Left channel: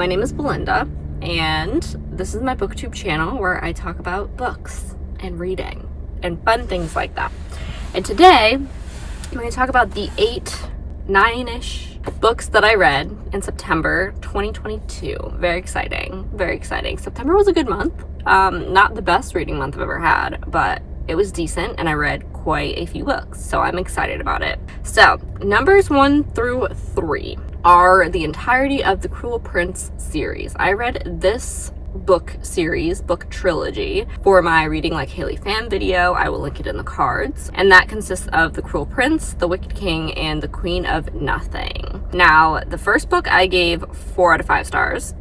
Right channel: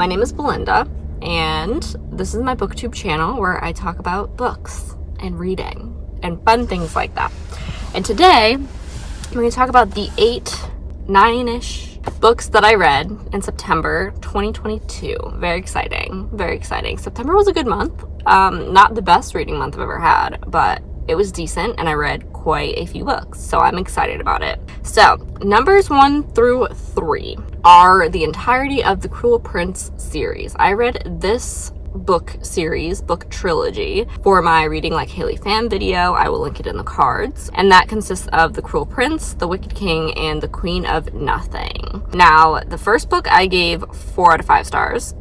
My name is Belinda, and this is my booktube channel where I talk about books and reading and fun things like that. And today, I'm going to talk about the 9-ish books that I read in September 2022. Very exciting, very exciting. September was a good month. Not the best reading month I've ever had, but it was decent, and I read quite a few books, so I'm excited about it. So, numbers 1 through 3 are the entirety of the Cruel Prince series. I read this book series, book trilogy, for my Reading Like Haley fan video. I will link it in the cards. And that consists of The Cruel Prince, The Wicked King, and The Queen of Nothing. Now, the first book I gave 4 out of 5 stars.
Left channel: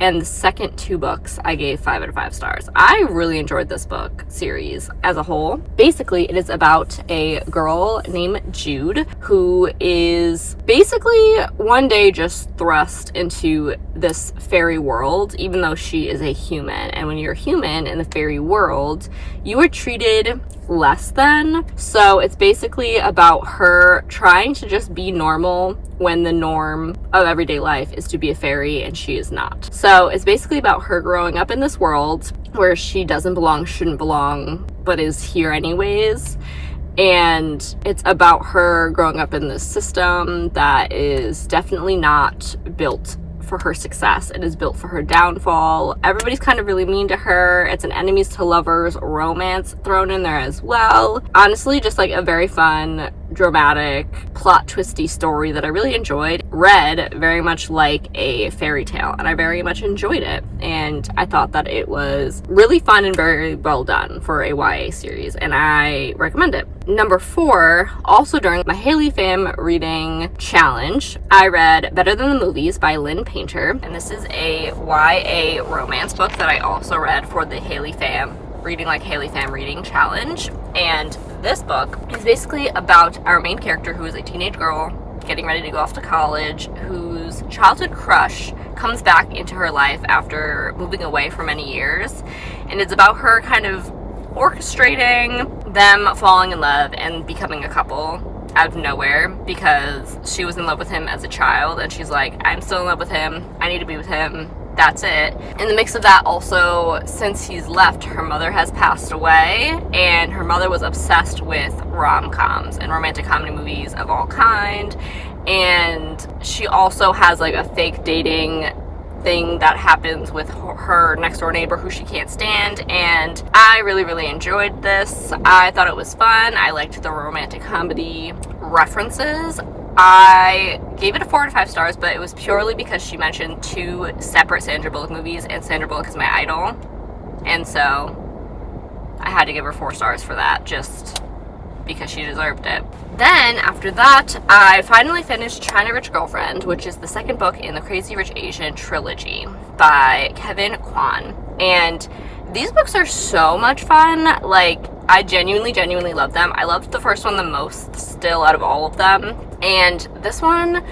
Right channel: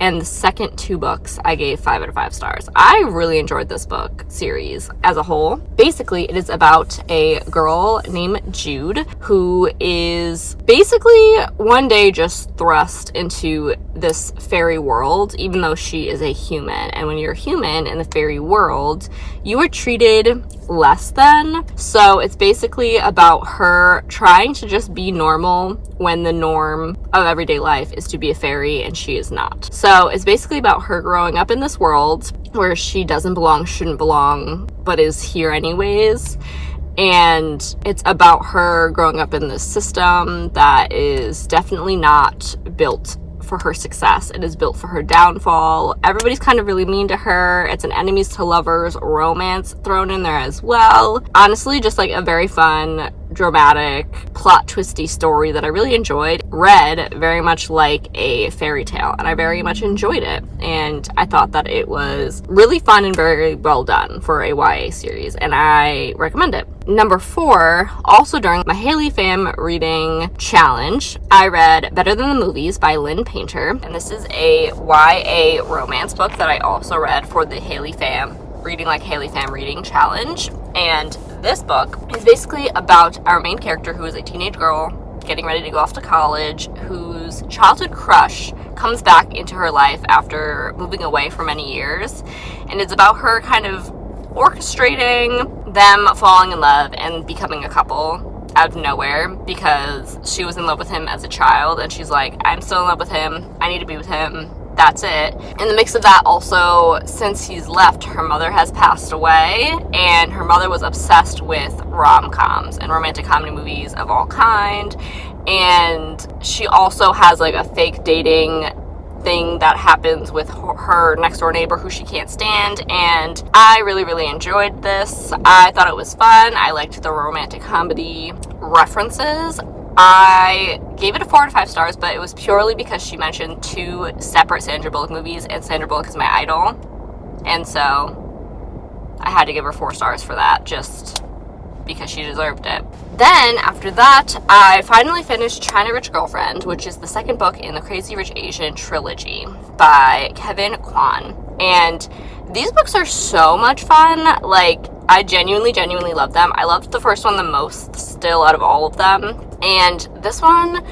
And the second 2 books, I gave 5 out of 5 stars. I really enjoyed this book series as a whole. Basically, it is about a girl named Jude who is basically one day just thrust into this fairy world, even though she is a human. And when you're a human in the fairy world, you are treated less than. So it's basically about her trying to just be normal when the norm of everyday life is to be a fairy and she is not. So it's basically about her growing up in this world where she doesn't belong, shouldn't belong, but is here anyways. And it's about her growing up in this system that is definitely not built for her success. It is built for her downfall. Everybody's kind of really mean to her. It's an enemies to lovers romance thrown in there as well. Honestly, just like a very fun, dramatic, plot twisty story that I really enjoyed. Read very much like a fairy tale, and I very much enjoyed it. And I thought that it was really fun and very well done for a YA series, and I recommend it. Number 4, also during my Haley Fam reading challenge, I read Better Than the Movies by Lynn Painter, and this is a YA romance book that I also read for the Haley Fam Reading Like Haley Fam reading challenge. And this book is basically about our main character, who is a teenage girl getting ready to go off to college, whose childhood crush comes back into her life after moving away for many years. And it's about her kind of orchestrating them falling in love and becoming a couple out of nowhere, because she was in love with him as a child and she's like, I'm still in love with him, I need to be with him, that's it. In the mix of that, also, since he's left, her mother has passed away, and her mother was obsessed with rom-coms and romantic comedy movies of all kind. And she also has like a fake dating thing that happens with her next door neighbor who she can't stand. And I really enjoyed this. I thought it was fun. I liked the romantic comedy references. I gave it a 4 out of 5 stars, but it was purely because she mentioned 2 separate Sandra Bullock movies, and Sandra Bullock is my idol, and so I had to give her 4 stars for that, just because she deserved it. Then, after that, I finally finished China Rich Girlfriend, which is the second book in the Crazy Rich Asian trilogy by Kevin Kwan. And these books are so much fun. Like, I genuinely love them. I loved the first one the most still out of all of them. And this one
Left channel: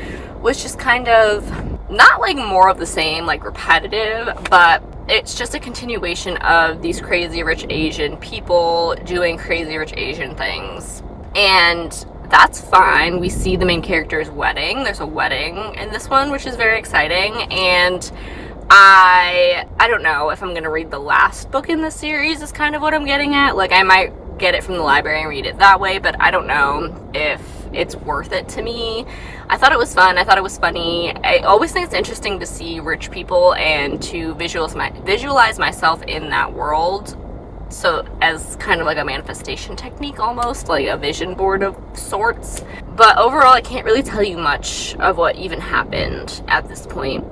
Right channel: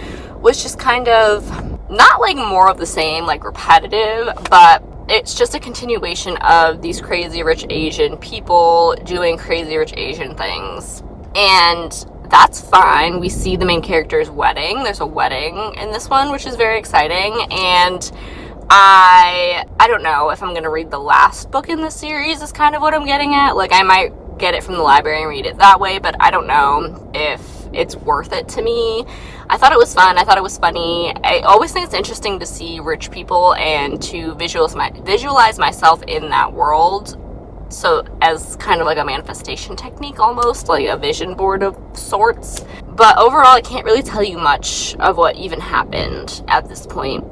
was just kind of not like more of the same, like repetitive, but it's just a continuation of these crazy rich Asian people doing crazy rich Asian things. And that's fine. We see the main character's wedding. There's a wedding in this one, which is very exciting. And I don't know if I'm going to read the last book in this series, is kind of what I'm getting at. Like, I might get it from the library and read it that way, but I don't know if it's worth it to me. I thought it was fun. I thought it was funny. I always think it's interesting to see rich people and to visualize myself in that world. So as kind of like a manifestation technique, almost like a vision board of sorts. But overall, I can't really tell you much of what even happened at this point.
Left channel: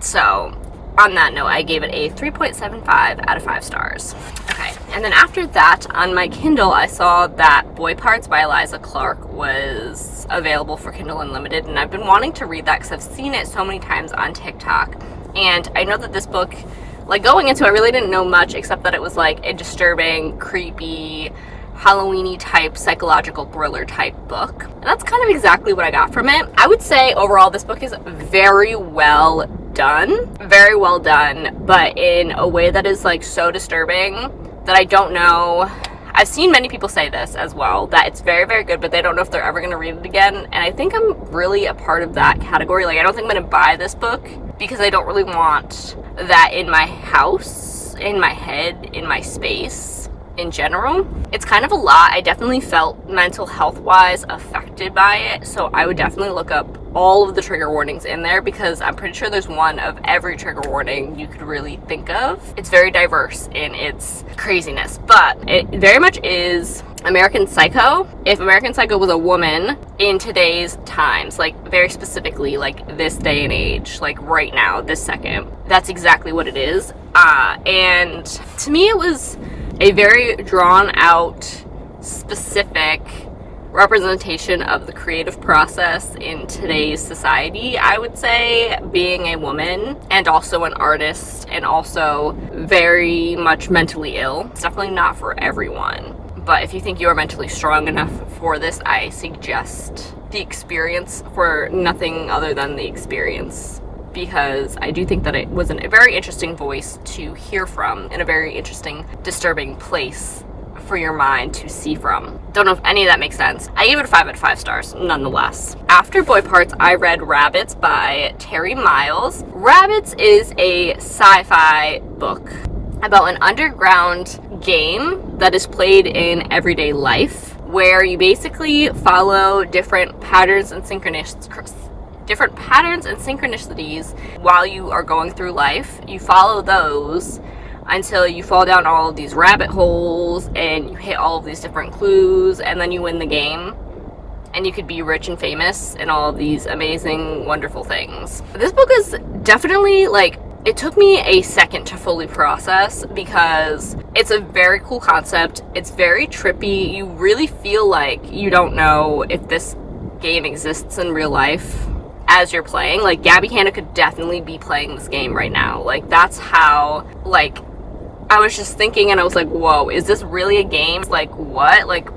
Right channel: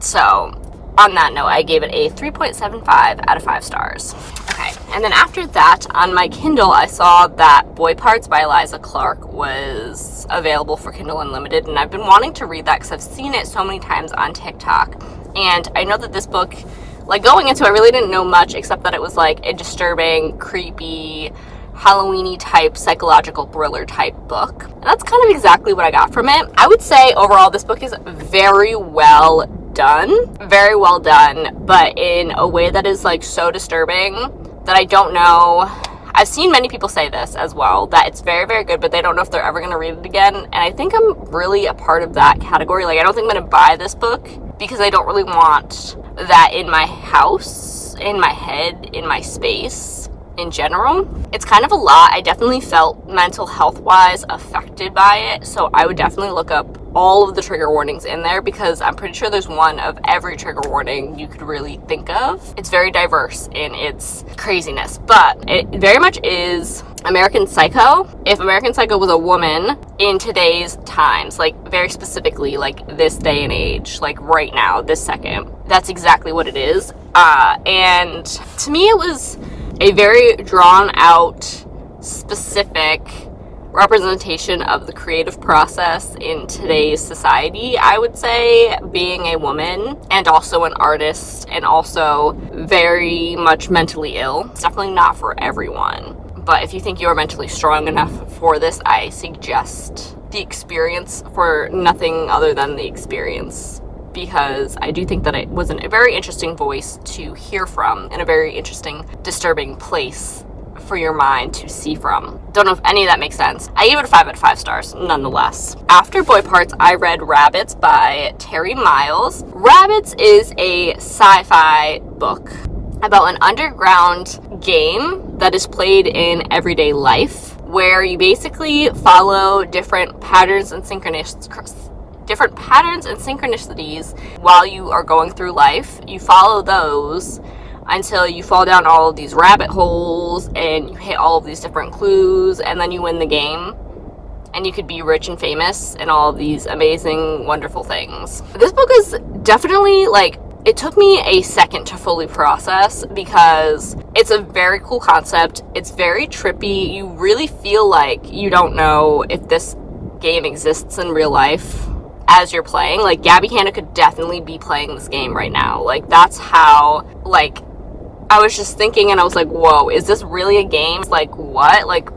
So on that note, I gave it a 3.75 out of 5 stars. Okay, and then after that, on my Kindle, I saw that Boy Parts by Eliza Clark was available for Kindle Unlimited, and I've been wanting to read that because I've seen it so many times on TikTok. And I know that this book, like, going into it, I really didn't know much except that it was like a disturbing, creepy, Halloween-y type, psychological thriller type book. And that's kind of exactly what I got from it. I would say overall this book is very well done, but in a way that is like so disturbing that I don't know I've seen many people say this as well, that it's very, very good, but they don't know if they're ever going to read it again. And I think I'm really a part of that category. Like, I don't think I'm going to buy this book because I don't really want that in my house, in my head, in my space in general. It's kind of a lot. I definitely felt mental health wise affected by it, so I would definitely look up all of the trigger warnings in there, because I'm pretty sure there's one of every trigger warning you could really think of. It's very diverse in its craziness, but it very much is American Psycho. If American Psycho was a woman in today's times, like very specifically like this day and age, like right now, this second, that's exactly what it is. And to me it was a very drawn out, specific representation of the creative process in today's society, I would say, being a woman and also an artist and also very much mentally ill. It's definitely not for everyone, but if you think you are mentally strong enough for this, I suggest the experience for nothing other than the experience, because I do think that it was a very interesting voice to hear from and a very interesting, disturbing place for your mind to see from. Don't know if any of that makes sense. I gave it a 5 out of 5 stars, nonetheless. After Boy Parts, I read Rabbits by Terry Miles. Rabbits is a sci-fi book about an underground game that is played in everyday life, where you basically follow different patterns and synchronicities while you are going through life. You follow those until you fall down all of these rabbit holes and you hit all of these different clues, and then you win the game and you could be rich and famous and all of these amazing, wonderful things. This book is definitely, like, it took me a second to fully process, because it's a very cool concept. It's very trippy. You really feel like you don't know if this game exists in real life as you're playing. Like, Gabby Hanna could definitely be playing this game right now. Like, that's how, like, I was just thinking, and I was like, whoa, is this really a game? Like, what? Like,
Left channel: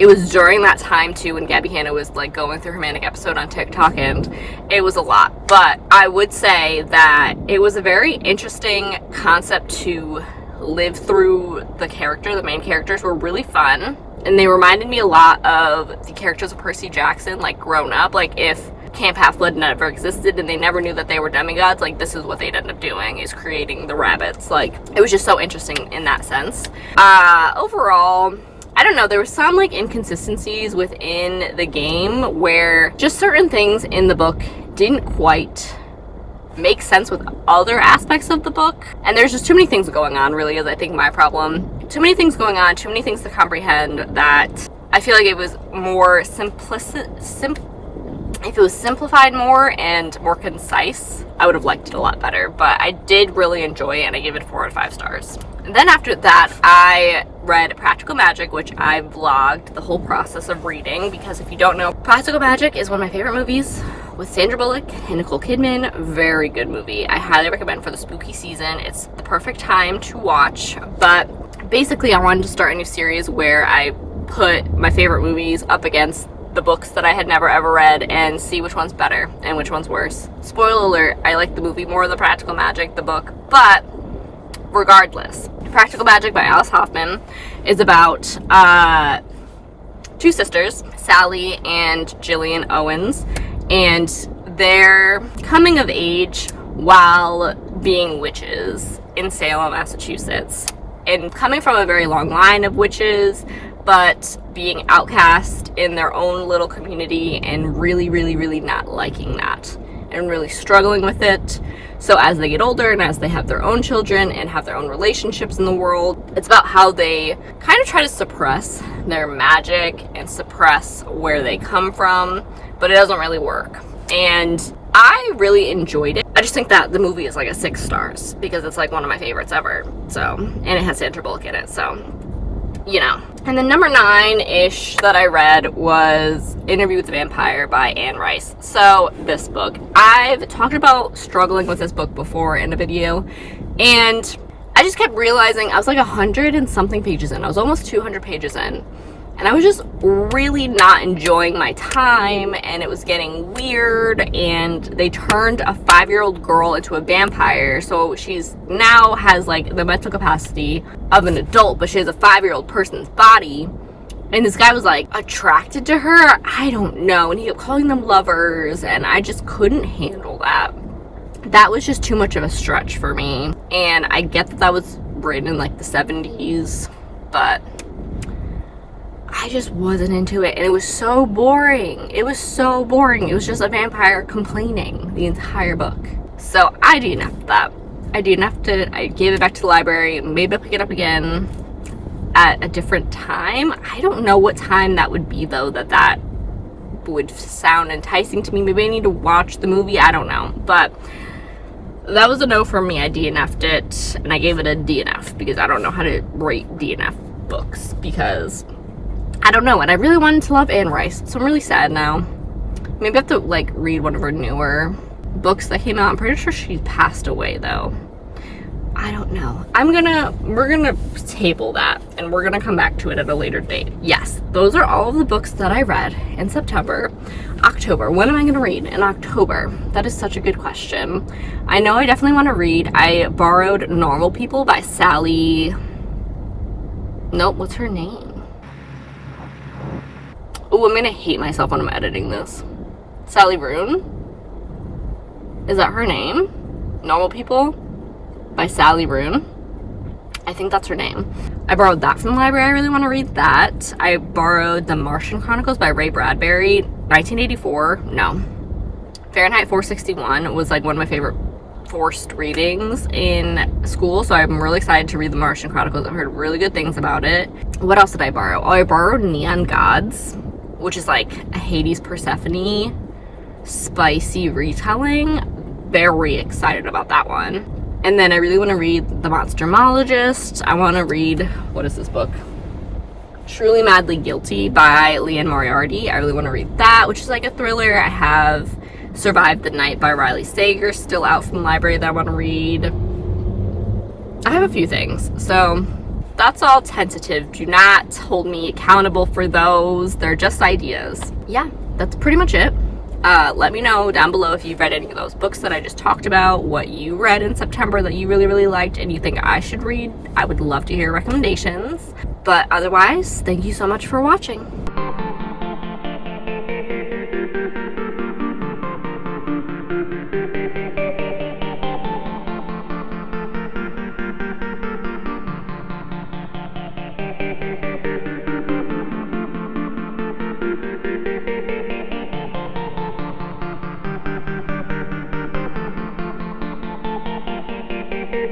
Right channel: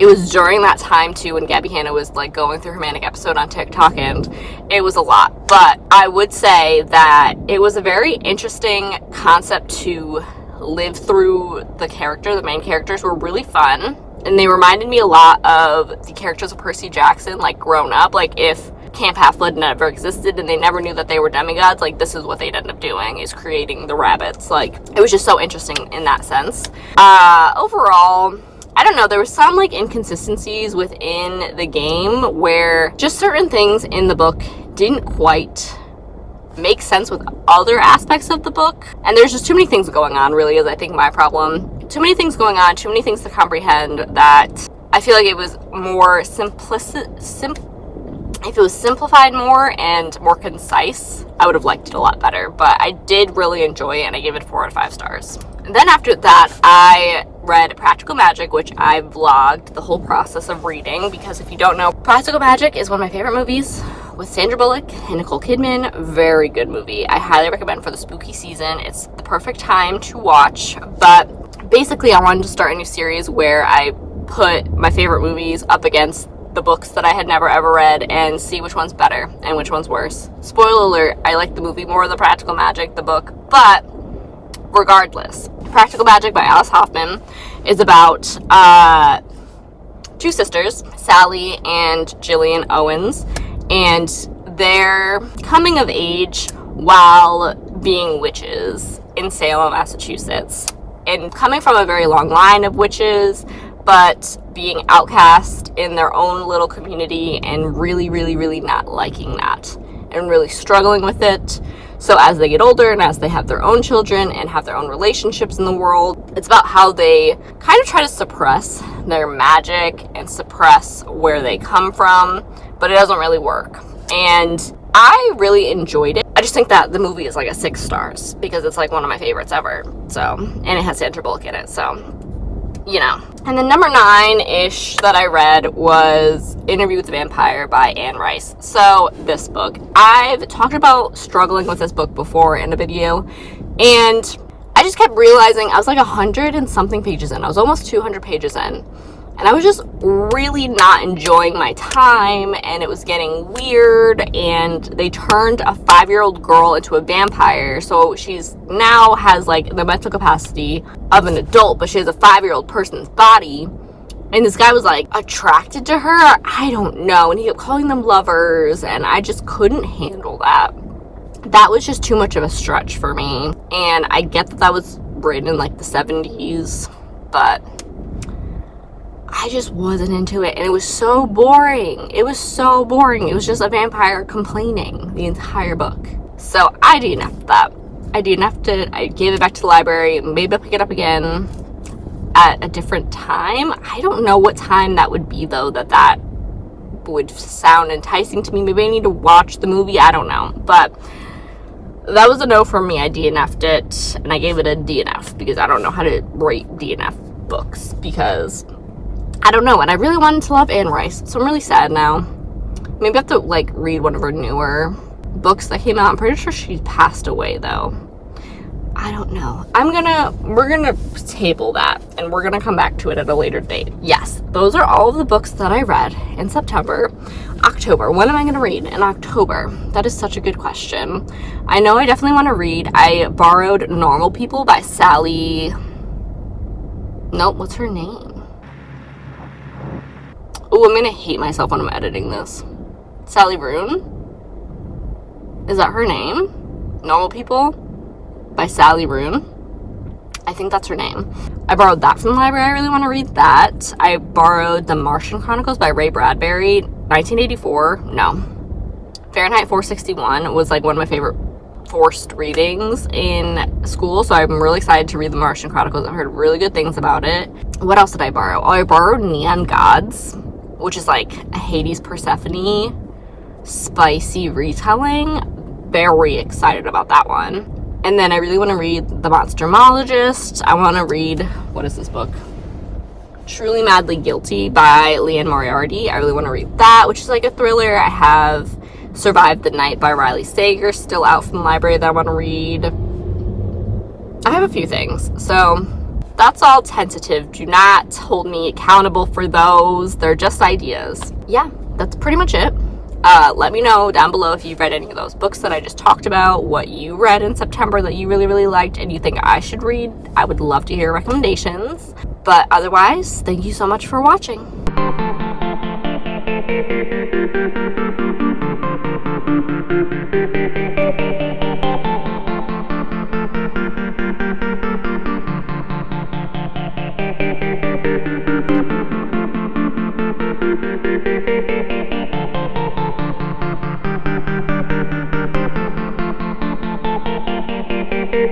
it was during that time too when Gabby Hanna was like going through her manic episode on TikTok, and it was a lot. But I would say that it was a very interesting concept to live through. The main characters were really fun, and they reminded me a lot of the characters of Percy Jackson, like grown up. Like, if Camp Half-Blood never existed and they never knew that they were demigods, like, this is what they'd end up doing, is creating the rabbits. Like, it was just so interesting in that sense. Overall, I don't know, there were some like inconsistencies within the game where just certain things in the book didn't quite make sense with other aspects of the book, and there's just too many things going on, really, is I think my problem. Too many things going on, too many things to comprehend, that I feel like it was more if it was simplified more and more concise, I would have liked it a lot better. But I did really enjoy it, and I gave it 4 out of 5 stars. And then after that, I read Practical Magic, which I vlogged the whole process of reading, because if you don't know, Practical Magic is one of my favorite movies with Sandra Bullock and Nicole Kidman. Very good movie. I highly recommend for the spooky season. It's the perfect time to watch. But basically, I wanted to start a new series where I put my favorite movies up against the books that I had never ever read and see which one's better and which one's worse. Spoiler alert, I like the movie more than Practical Magic, the book, but regardless, Practical Magic by Alice Hoffman is about 2 sisters, Sally and Jillian Owens, and their coming of age while being witches in Salem, Massachusetts, and coming from a very long line of witches, but being outcast in their own little community and really, really, really not liking that and really struggling with it. So as they get older and as they have their own children and have their own relationships in the world, it's about how they kind of try to suppress their magic and suppress where they come from, but it doesn't really work. And I really enjoyed it. I just think that the movie is like a 6 stars because it's like one of my favorites ever. So, and it has Sandra Bullock in it, so, you know. And then number 9-ish that I read was Interview with the Vampire by Anne Rice. So this book, I've talked about struggling with this book before in a video, and I just kept realizing I was like 100 and something pages in. I was almost 200 pages in, And I was just really not enjoying my time, and it was getting weird, and they turned a 5-year-old girl into a vampire, so she's now has like the mental capacity of an adult, but she has a 5-year-old person's body. And this guy was like attracted to her, I don't know, and he kept calling them lovers, and I just couldn't handle that. That was just too much of a stretch for me. And I get that that was written in like the 70s, but I just wasn't into it, and it was so boring. It was so boring. It was just a vampire complaining the entire book. So I DNF'd that. I DNF'd it. I gave it back to the library. Maybe I'll pick it up again at a different time. I don't know what time that would be, though, that would sound enticing to me. Maybe I need to watch the movie. I don't know. But that was a no from me. I DNF'd it, and I gave it a DNF because I don't know how to rate DNF books, because I don't know, and I really wanted to love Anne Rice, so I'm really sad now. Maybe I have to, like, read one of her newer books that came out. I'm pretty sure she passed away, though. I don't know. We're gonna table that, and we're gonna come back to it at a later date. Yes, those are all of the books that I read in September. October, what am I gonna read in October? That is such a good question. I know I definitely want to read. I borrowed Normal People by Sally. Nope, what's her name? Oh, I'm gonna hate myself when I'm editing this. Sally Rooney? Is that her name? Normal People by Sally Rooney. I think that's her name. I borrowed that from the library. I really want to read that. I borrowed The Martian Chronicles by Ray Bradbury. 1984. No. Fahrenheit 461 was like one of my favorite forced readings in school, so I'm really excited to read The Martian Chronicles. I've heard really good things about it. What else did I borrow? Oh, I borrowed Neon Gods, which is like a Hades Persephone spicy retelling. Very excited about that one. And then I really want to read The Monstermologist. I want to read, what is this book? Truly Madly Guilty by Leanne Moriarty. I really want to read that, which is like a thriller. I have Survived the Night by Riley Sager still out from the library that I want to read. I have a few things. So that's all tentative. Do not hold me accountable for those. They're just ideas. Yeah, that's pretty much it. Let me know down below if you've read any of those books that I just talked about, what you read in September that you really, really liked and you think I should read. I would love to hear recommendations. But otherwise, thank you so much for watching.